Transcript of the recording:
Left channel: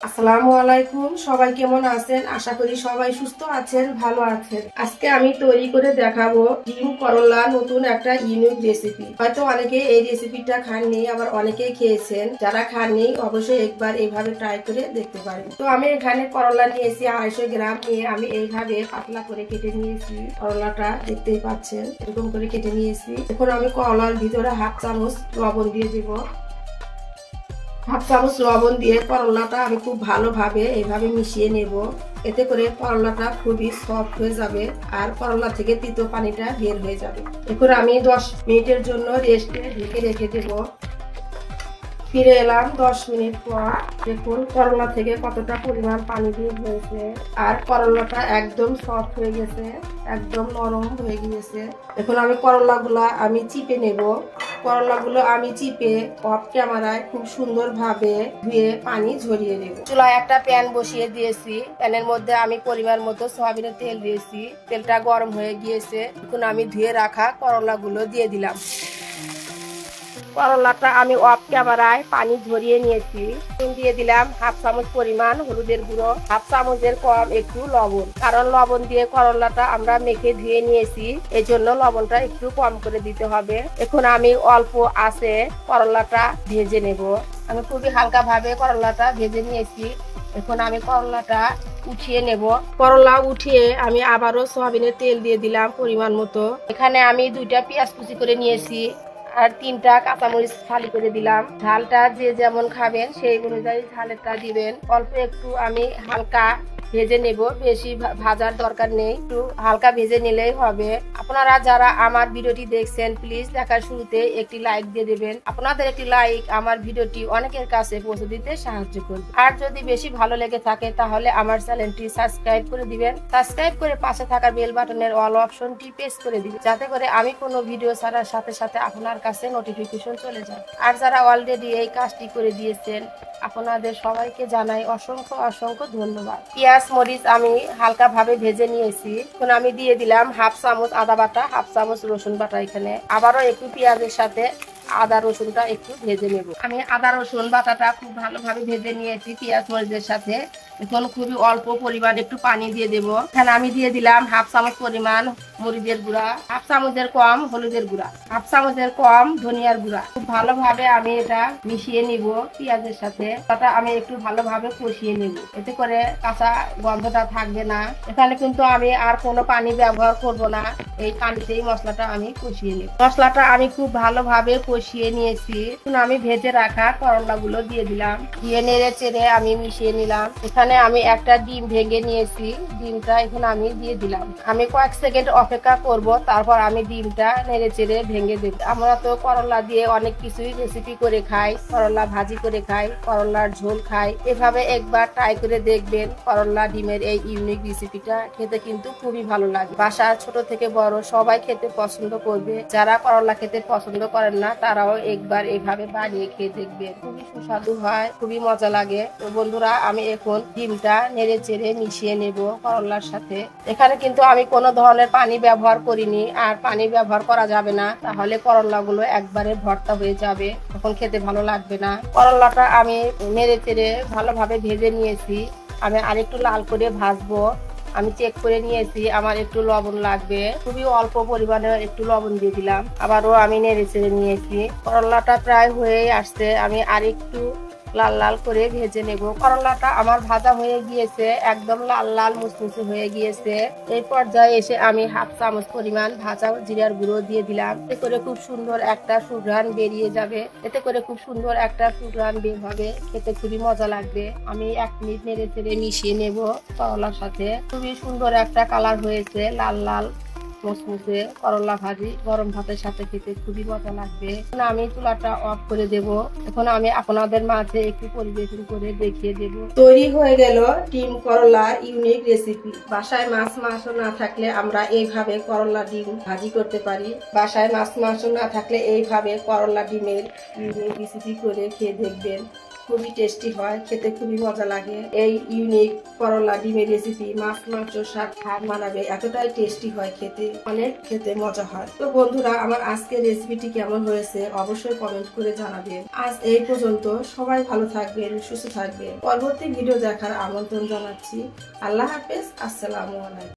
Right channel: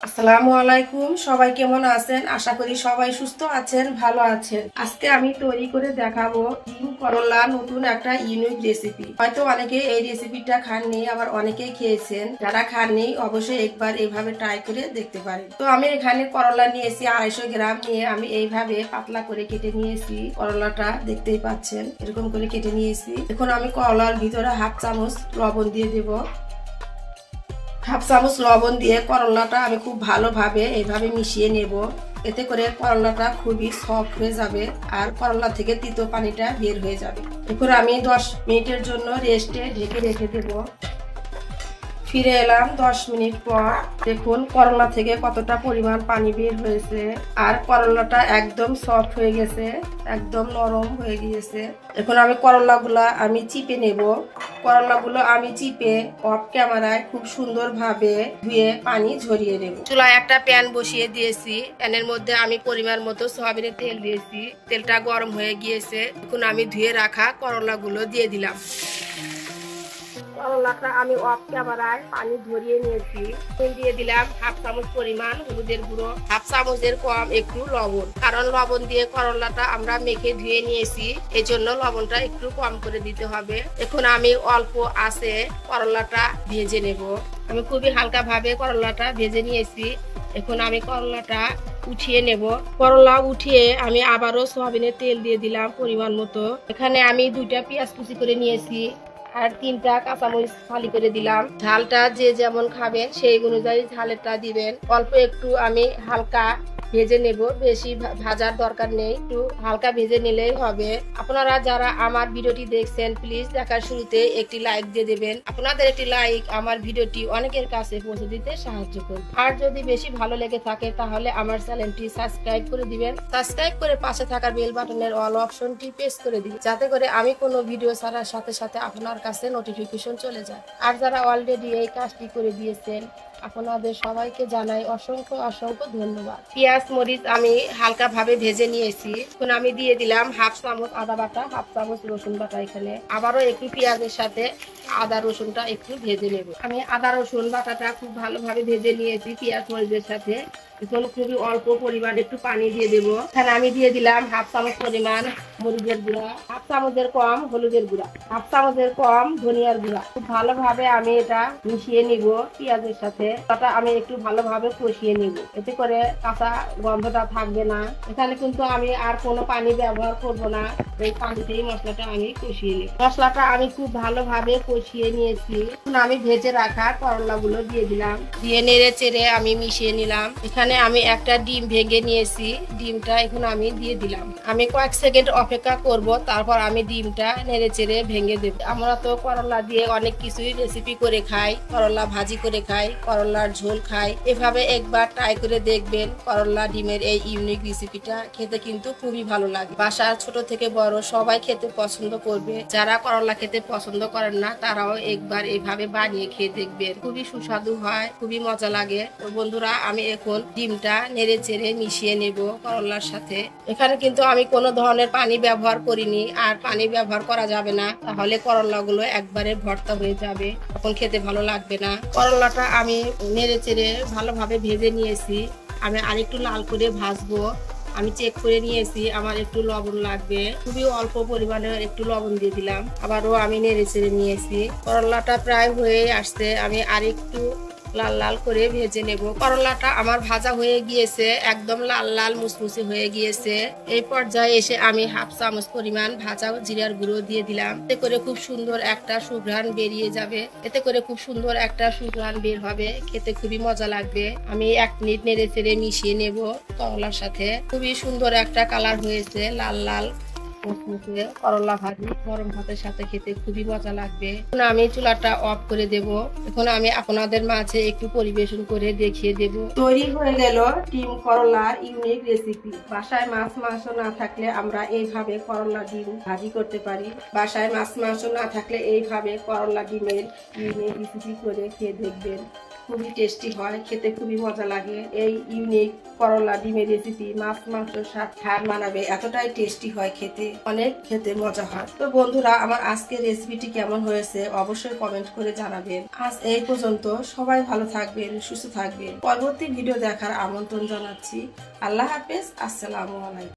আসসালামু আলাইকুম। সবাই কেমন আছেন? আশা করি সবাই সুস্থ আছেন, ভালো আছেন। আজকে আমি তৈরি করে দেখাবো ডিম করলা, নতুন একটা ইউনিক রেসিপি। হয়তো অনেকে এই রেসিপিটা খাননি, আবার অনেকেই খেয়েছেন। যারা খাননি অবশ্যই একবার এইভাবে ট্রাই করে দেখতে পারেন। তো আমি এখানে করলা নিয়েছি 250 গ্রাম, নিয়ে আমি এইভাবে পাতলা করে কেটে নিয়েছি। করলাটা দেখতেই পাচ্ছেন, এরকম করে কেটে নিয়েছি। এখন আমি করলার ভিতরে হাফ চামচ লবণ দিয়ে দেবো। হাফ চামচ লবণ দিয়ে করলাটা আমি খুব ভালোভাবে এইভাবে মিশিয়ে নেব। এতে করে করলাটা খুবই সফট হয়ে যাবে আর করলা থেকে তিতো পানিটা বের হয়ে যাবে। এরপর আমি 10 মিনিটের জন্য রেস্টে ঢেকে রেখে দেব। ফিরে এলাম 10 মিনিট পর। দেখুন করলা থেকে কতটা পরিমাণ পানি বের হয়েছে আর করলাটা একদম সফট হয়ে গেছে, একদম নরম হয়ে গিয়েছে। এখন আমি করলাগুলা আমি চিপে নেব। করলাগুলো আমি চিপে অফ ক্যামেরায় খুব সুন্দরভাবে ধুয়ে পানি ঝরিয়ে নেব। চুলায় একটা প্যান বসিয়ে দিয়েছি। প্যানের মধ্যে আমি পরিমাণ মতো সয়াবিনের তেল দিয়েছি। তেলটা গরম হয়ে গিয়েছে। এখন আমি ধুয়ে রাখা করলাগুলো দিয়ে দিলাম। করলাটা আমি অফ ক্যামেরায় পানি ঝরিয়ে নিয়েছি। দিয়ে দিলাম হাফ চামচ পরিমাণ হলুদের গুঁড়ো, হাফ চামচের কম একটু লবণ, কারণ লবণ দিয়ে করলাটা আমরা মেখে ধুয়ে নিয়েছি, এই জন্য লবণটা একটু কম করে দিতে হবে। এখন আমি অল্প আঁচে করলাটা ভেজে নেব। আমি খুবই হালকা ভাবে করলাটা ভেজে নিয়েছি। এখন আমি করলাটা উঠিয়ে নেব। করলা উঠিয়ে আমি আবারও সয়াবিনের তেল দিয়ে দিলাম পরিমাণ মতো। এখানে আমি 2টা পেঁয়াজ কুচি করে নিয়েছি আর 3টা কাঁচামরিচ ফালি করে দিলাম। ঝালটা যে যেমন খাবেন সেই অনুযায়ী ঝালেরটা দিবেন। অল্প একটু আমি হালকা ভেজে নেব, বেশি ভাজার দরকার নেই, একটু হালকা ভেজে নিলেই হবে। আপনারা যারা আমার ভিডিওটি দেখছেন প্লিজ দেখার শুরুতে একটি লাইক দিয়ে দেবেন। আপনাদের একটি লাইক আমার ভিডিওটি অনেকের কাছে পৌঁছে দিতে সাহায্য করবে। আর যদি বেশি ভালো লেগে থাকে তাহলে আমার চ্যানেলটি সাবস্ক্রাইব করে দিবেন। সাবস্ক্রাইব করে পাশে থাকা বেল বাটনের অল অপশনটি প্রেস করে দিবেন, যাতে করে আমি কোনো ভিডিও ছাড়ার সাথে সাথে আপনার কাছে নোটিফিকেশন চলে যায়। আর যারা অলরেডি এই কাজটি করে দিয়েছেন আপনাদের সবাইকে জানাই অসংখ্য অসংখ্য ধন্যবাদ। পেঁয়াজ মরিচ আমি হালকা ভাবে ভেজে নিয়েছি। এখন আমি দিয়ে দিলাম হাফ চামচ আদা বাটা, হাফ চামচ রসুন বাটা। এখানে আবারও একটু পেঁয়াজের সাথে আদা রসুনটা একটু ভেজে নেব। আমি আদা রসুন বাটাটা খুব ভালোভাবে ভেজে নিয়েছি পেঁয়াজ মরিচের সাথে। এখন খুবই অল্প পরিমাণ একটু পানি দিয়ে দেব। এখানে আমি দিয়ে দিলাম হাফ চামচ পরিমাণ মরিচের গুঁড়া, হাফ চামচের কম হলুদের গুঁড়া, হাফ চামচের কম ধনিয়ার গুঁড়া। খুব ভালোভাবে আমি এটা মিশিয়ে নিব পেঁয়াজের সাথে। এটা আমি একটু ভালোভাবে কষিয়ে নিব, এতে করে কাঁচা গন্ধটা থাকবে না। এখানে কিন্তু আমি আর কোনো পানি ব্যবহার করব না, এই পানিতেই মশলাটা আমি কষিয়ে নিব। মশলাটা আমি খুব ভালোভাবে কষিয়ে নিয়েছি। এখন আমি ভেজে রাখা করলাগুলো দিয়ে দিলাম, দিয়ে নেড়ে চেড়ে আমি মিশিয়ে নিলাম। এখানে আমি একটা ডিম ভেঙে নিয়েছি, ডিমটা এখন আমি দিয়ে দিলাম। আমি কয়েক সেকেন্ড অপেক্ষা করব, তারপর আমি ডিমটা নেড়ে চেড়ে ভেঙে দেব। আমরা তো করলা দিয়ে অনেক কিছুই রেসিপি করে খাই, করলা ভাজি করে খাই, করলার ঝোল খাই। এভাবে একবার ট্রাই করে দেখবেন। করলা ডিমের এই ইউনিক রেসিপিটা খেতে কিন্তু খুবই ভালো লাগে। বাসার ছোট থেকে বড় সবাই খেতে পছন্দ করবে। যারা করলা খেতে পছন্দ করেন না তারাও একবার এইভাবে বানিয়ে খেয়ে দেখবেন, খুবই সুস্বাদু হয়, খুবই মজা লাগে। তো বন্ধুরা, আমি এখন ডিমটা নেড়ে চেড়ে মিশিয়ে নেব করলার সাথে। এখানে কিন্তু আমি কোনো ধরনের পানি ব্যবহার করিনি, আর পানি ব্যবহার করা যাবে না, তাহলে করলাগুলো একবারে ভর্তা হয়ে যাবে, তখন খেতে ভালো লাগবে না। করলাটা আমি নেড়ে চেড়ে ভালোভাবে ভেজে নিয়েছি। আমি আরেকটু লাল করে ভাজবো। আমি চেক করে নিয়েছি আমার একটু লবণ লাগবে, খুবই অল্প পরিমাণে একটু লবণ দিয়ে দিলাম। আবারও আমি নেড়ে চেড়ে নিয়েছি। করলাটা প্রায় হয়ে আসছে, আমি আরেকটু লাল লাল করে ভেজে নেব। করলাটা আমার ভাজা হয়ে গিয়েছে, একদম লাল লাল মুচমুচে হয়ে গিয়েছে। এই পর্যায়ে এসে আমি হাফ চামচ পরিমাণ ভাজা জিরার গুঁড়ো দিয়ে দিলাম। এতে করে খুব সুন্দর একটা সুঘ্রাণ বেরিয়ে যাবে, এতে করে খুব সুন্দর একটা সুঘ্রাণ বের হবে, খেতে খুবই মজা লাগবে। আমি 1 মিনিট নেড়ে চেড়ে মিশিয়ে নেব করলার সাথে। খুবই সুন্দর একটা কালার হয়েছে, লাল লাল মুচমুচে করলা ভাজি গরম ভাতের সাথে খেতে খুবই মজা লাগবে। এখন আমি চুলাটা অফ করে দেব। এখন আমি আপনাদের মাঝে একটু পরিবেশন করে দেখিয়ে দেব। তৈরি হয়ে গেল ডিম করলা ইউনিক রেসিপি। বাসায় মাছ মাংস না থাকলে আমরা এইভাবে করলা ডিম ভাজি করতে পারি। বাসায় মাছ মাংস না থাকলে এইভাবে করলা ডিমের ইউনিক রেসিপি করে খেয়ে দেখবেন, খুবই টেস্টি হয়, খেতে খুবই মজা লাগে। এই ইউনিক করলা ডিমের রেসিপি মাছ মাংস শাক খাট মানাবে, এতটাই টেস্টি হয় খেতে, অনেক খেতে মজা হয়। তো বন্ধুরা, আমার আজকের রেসিপিটি কেমন হয়েছে অবশ্যই কমেন্ট করে জানাবেন। আজ এই পর্যন্ত, সবাই ভালো থাকবেন, সুস্থ থাকবেন। পরবর্তী ভিডিও দেখার আমন্ত্রণ জানাচ্ছি। আল্লাহ হাফেজ, আসসালামু আলাইকুম।